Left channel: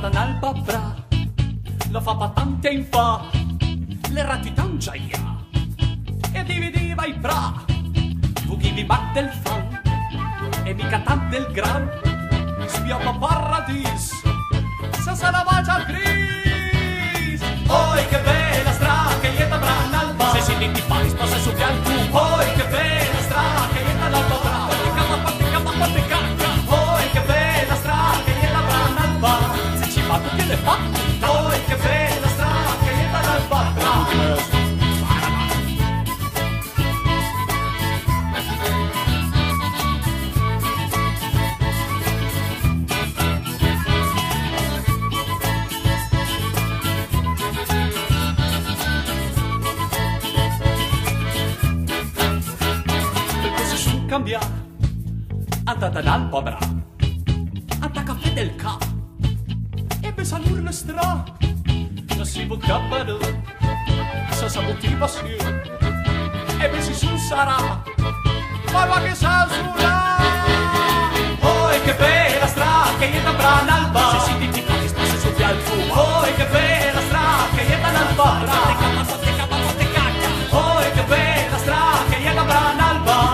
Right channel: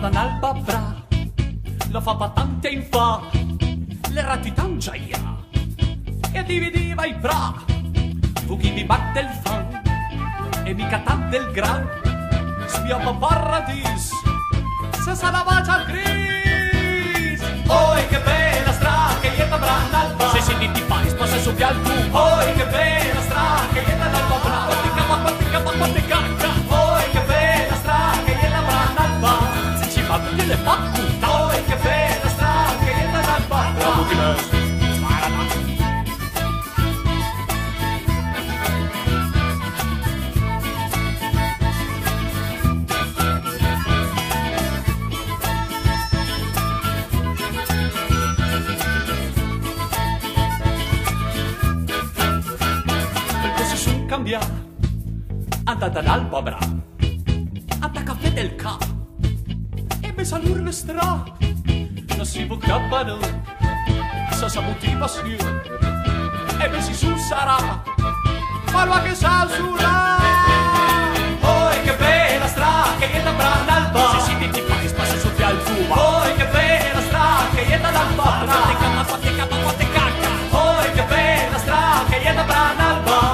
dan alba bra, la fa patante in fa, le ratitangia ja, e dividiva i bra, fugivi back del fan, e mica tant del gran, sviava paradis, se salavagia al gris. Oi che bella stra, che ieta bra n'alba, se si ti fai sposa su pial tu. Oi che bella stra, che ieta l'alba bra, quante cacca. Oi che bella stra, che ieta bra n'alba, se ci va tutti le fattu. Oi che bella stra, che ieta l'alba bra. Cambia, andata dall'alba bra, anda caffè del ca, e besa l'urle stra, non si bucabano, sa sabutiva si, e besi su sarà, parla che sa sulla. Oi che bella stra, che ieta bra n'alba, se si ti fai spassa su pial tuba. Oi che bella stra, che ieta l'alba bra, quante cacca. Oi che bella stra, che ieta bra n'alba.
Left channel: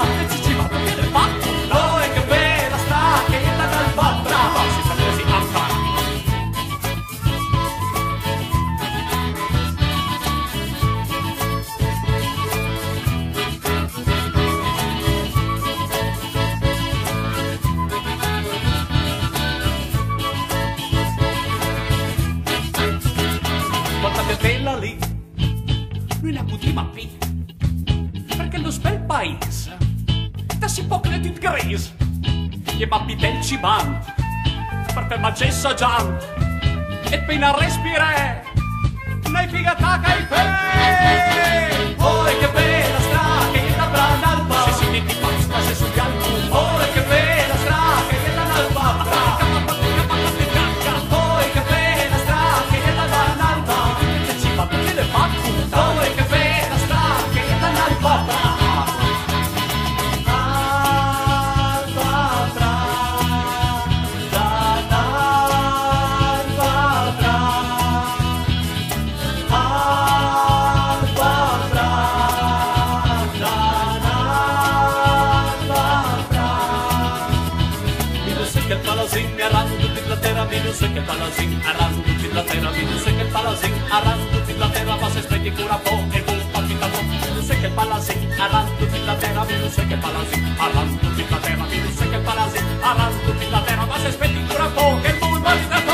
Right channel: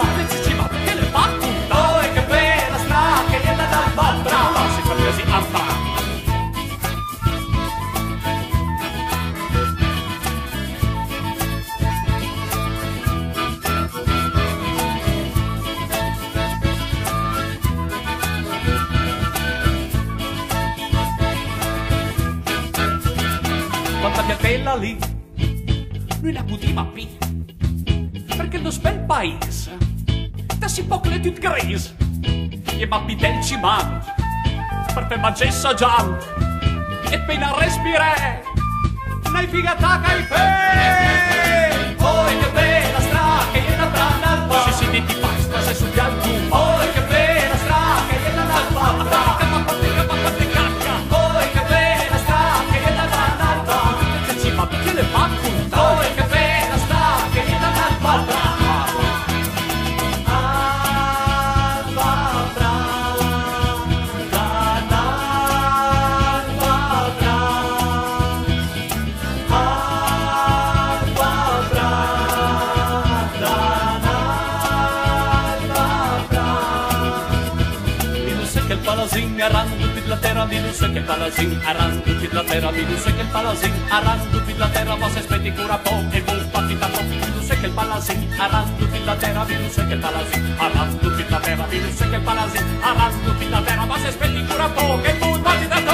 Quanta piantella lì, noi ne putima pi, perché lo bel paese, da si poc le tut gris, e ma pitel cimant, per te magessa giant, e pena respire, nei figata cai pe. Oi che bella stra, che ieta bra n'alba, se si ti fai spase su pial tu. Oi che bella stra, che ieta n'alba bra, quante cacca. Oi che bella stra, che ieta bra n'alba, tutte le facultà. Oi che bella stra, che ieta n'alba bra. Palazin arrando per la terra, mi non so che palazin arrando per la terra, mi non so che il palazin arrando per la terra, ma se aspetti cura po' e buon partita po', mi non so che il palazin arrando per la terra, mi non so che il palazin arrando per la terra, mi non so che il palazin arrando per la terra, ma se aspetti cura po' che buon partita po'.